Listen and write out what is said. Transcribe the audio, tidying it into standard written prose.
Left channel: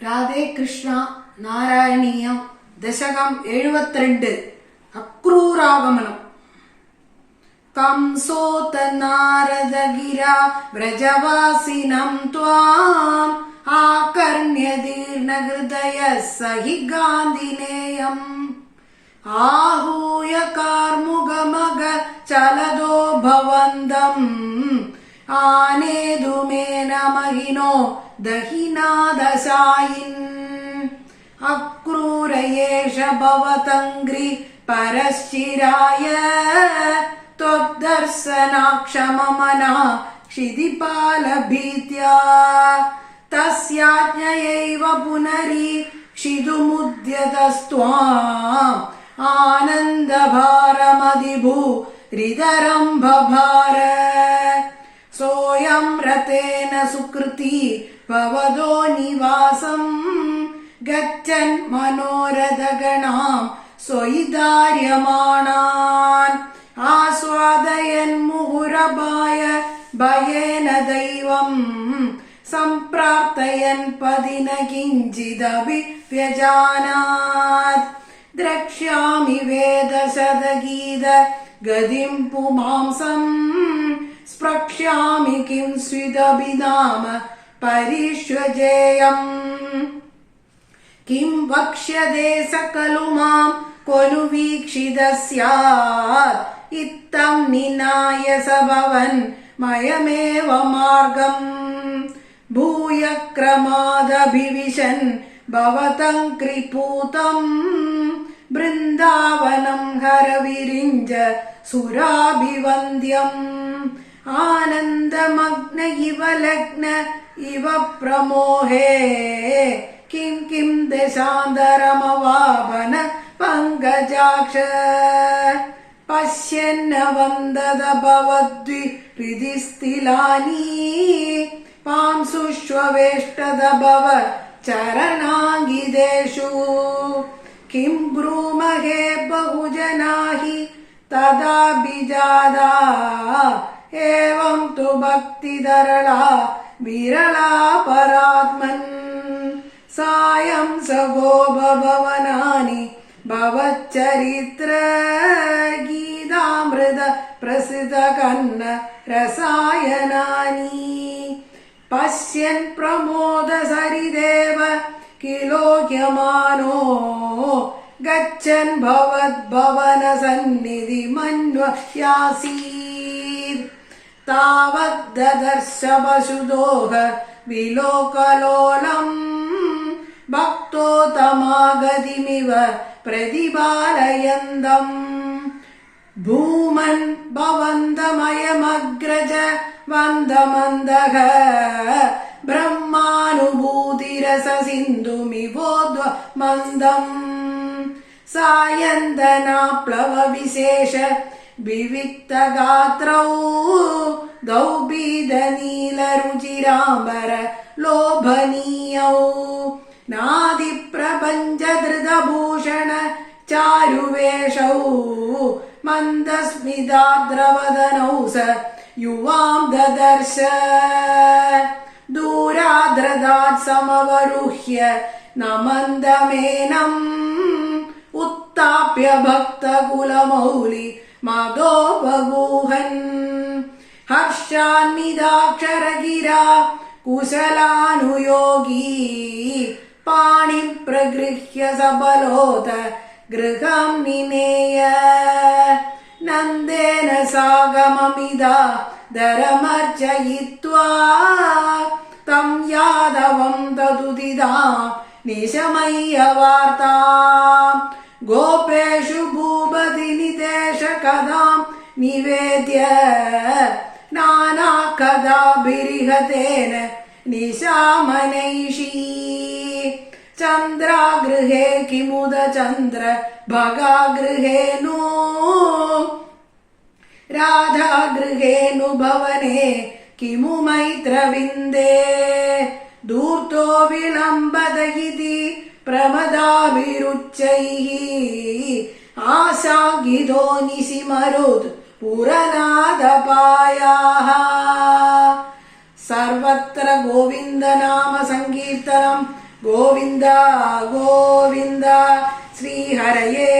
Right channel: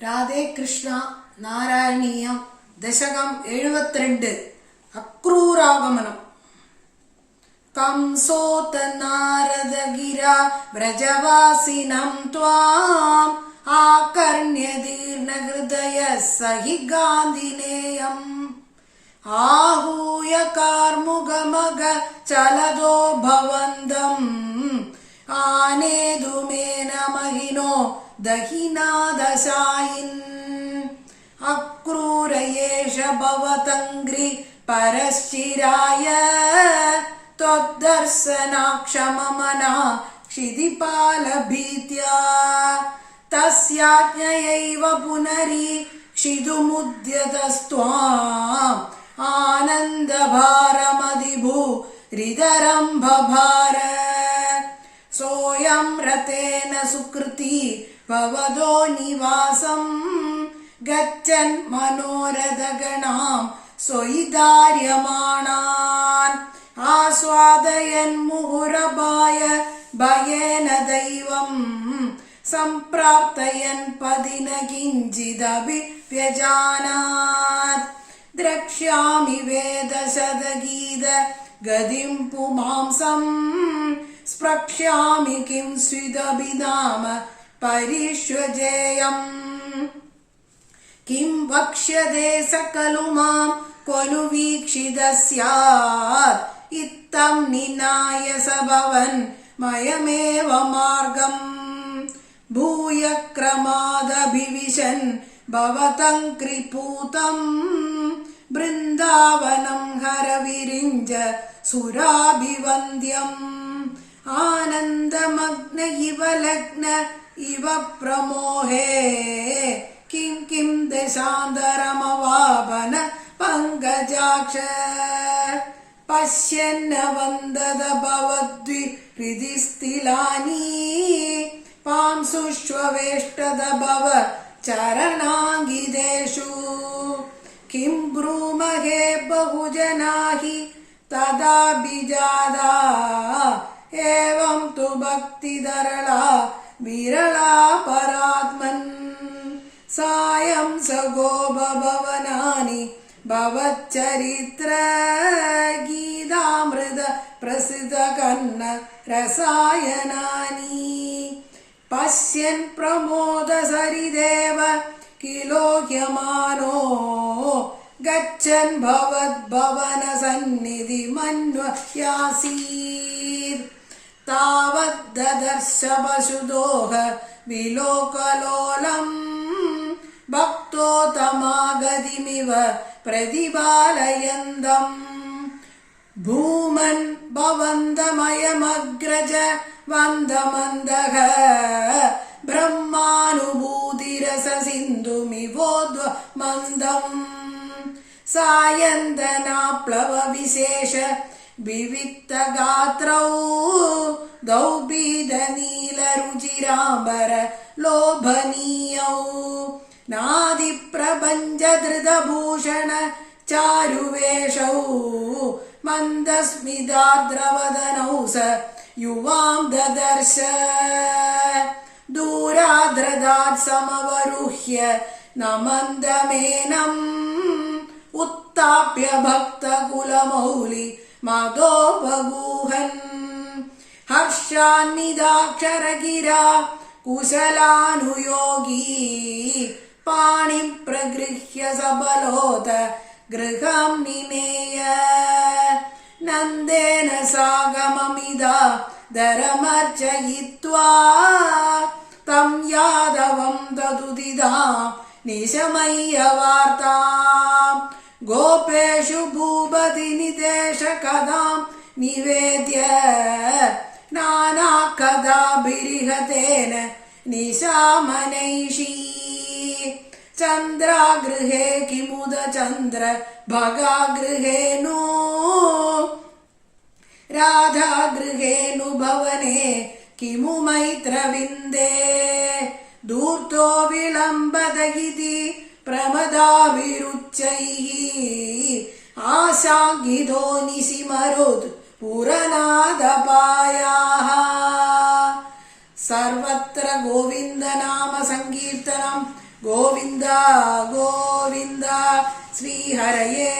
രാധേ കൃഷ്ണ നാരായണീയം ദശകം 72 അക്രൂരാഗമനം. കംസോത നാരദഗിര വ്രജവാസിനം ത്വാം ആകർണ്യദീർണഹൃദയ സഹി ഗാന്ധിനേയം ആഹൂയ കാർമുകമഗ ചലദോ ഭവന്തം ആനേതുമേന മഹിനോ ദഹിനാദശായിൻ അക്രൂരയേഷ ഭവതംഗ്രി പരശ്ചിരായ ത്വദ്ദർശനാക്ഷമമനാ ക്ഷിതിപാലഭീത്യാ തസ്യാജ്ഞയൈവ പുനരീക്ഷിതുമുദ്യതസ്ത്വാം ആനന്ദഭാരമതിഭൂരിതരം ബഭാര സോയം രതേന സുകൃതി ഭവതോ നിവാസം ഗച്ഛൻ മനോരഥഗണാം സ്വയിധാര്യമാണാൻ ആസ്വാദയൻ മുഹുരഭായ ഭയേന ദൈവം സംപ്രാപ്തയൻ പതിന കിഞ്ചിദപി വ്യജാനാത് ദ്രക്ഷ്യാമി വേദശതഗീത ഗതിം പുമാംസം സ്പൃക്ഷ്യാമി കിം സ്വിദപി നാമ പരിഷ്വജേയം കിം വക്ഷ്യതേ സകലു മാം ക്വനു വീക്ഷിതഃ സ്യാത് ഇത്തം നിനായ സഭവൻ മയമേവ മാർഗം ഭൂയ ക്രമാദഭിവിശൻ ഭവതം കൃപൂതം ബൃന്ദാവനം ഹരവിരിഞ്ച സുരാഭിവന്ദ്യം ആനന്ദമഗ്ന ഇവ ലഗ്ന ഇവ പ്രമോഹേ കിം കിം ദശാന്തരമവാപന പങ്കജാക്ഷ പശ്യന്ന വന്ദത ഭവദ്വി ഹൃദിസ്ഥിലാനി പാംസുഷ്വേഷ്ടത ഭവ ചരണാംഗിതേഷു കിം ബ്രൂമഹേ ബഹുജനാഹി തദാ ബിജാദാ ഏവം തു ഭക്തിധരളാ വിരളാ പരാത്മൻ സായം സഗോ ഭവനാനി ഭവച്ചരിത്ര ഗീതാമൃത പ്രസിദ്ധ കന്ന രസായനാനി പശ്യൻ പ്രമോദ സരിദേവ കിലോഹ്യമാനോ ഗച്ഛൻ ഭവദ്ഭവന സന്നിധി മന്വയാസീത് താവദ്ദർശ പശുദോഹ വിലോകലോലം ഭക്തോ തമാഗതിമിവ പ്രതിപാലയന്തം ഭൂമൻ ഭവന്തമയമഗ്രജ വന്ദമന്ദഃ ബ്രഹ്മാനുഭൂതിരസ സിന്ധുമിവോദ്വ മന്ദം സായന്തനാപ്ലവ വിശേഷ വിവിക്ത ഗാത്രൗ ദൗബീദ നീലരുചിരാംബര ലോഭനീയൗ നാദി പ്രപഞ്ച ധൃതഭൂഷണ ചാരുവേഷൗ മന്ദസ്മിതാദ്രവദനൗ സ യുവാം ദദർശ ദൂരാദ്രദാത് സമവരുഹ്യ നമന്ദമേനം ഉത്താപ്യ ഭക്തകുലമൗലി മദോപഗൂഹൻ ഹർഷാന്വിതാക്ഷരഗിരാ കുശലാനുയോഗീ പാണി പ്രഗൃഹ്യ സബലോത ഗൃഹം നിനേയ നന്ദേന സാഗമമിദാ ദരമർച്ചയിത്വാ തം യാദവം തതുദിദാ നിശമയ്യ വാർത്താം ഗോപേഷു ഭൂപതി നിദേശ കഥാം നിവേദ്യ നാനാ കഥാഭിരിഹതേന നിശാമനൈഷീ ചന്ദ്രാഗൃഹേ കിമുദ ചന്ദ്ര ഭഗാഗൃഹേനു രാധാഗൃഹേനു ഭവനേ കിമു മൈത്രവിന്ദേ ധൂർത്തോ വിളംബത ഇതി പ്രമദാഭിരുച്ചൈഃ ആശാങ്കിതോ നിശിമരുത് പുരനാദപായാഃ സർവത്ര ഗോവിന്ദനാമ സങ്കീർത്തനം ഗോവിന്ദ ഗോവിന്ദ ശ്രീഹരയേ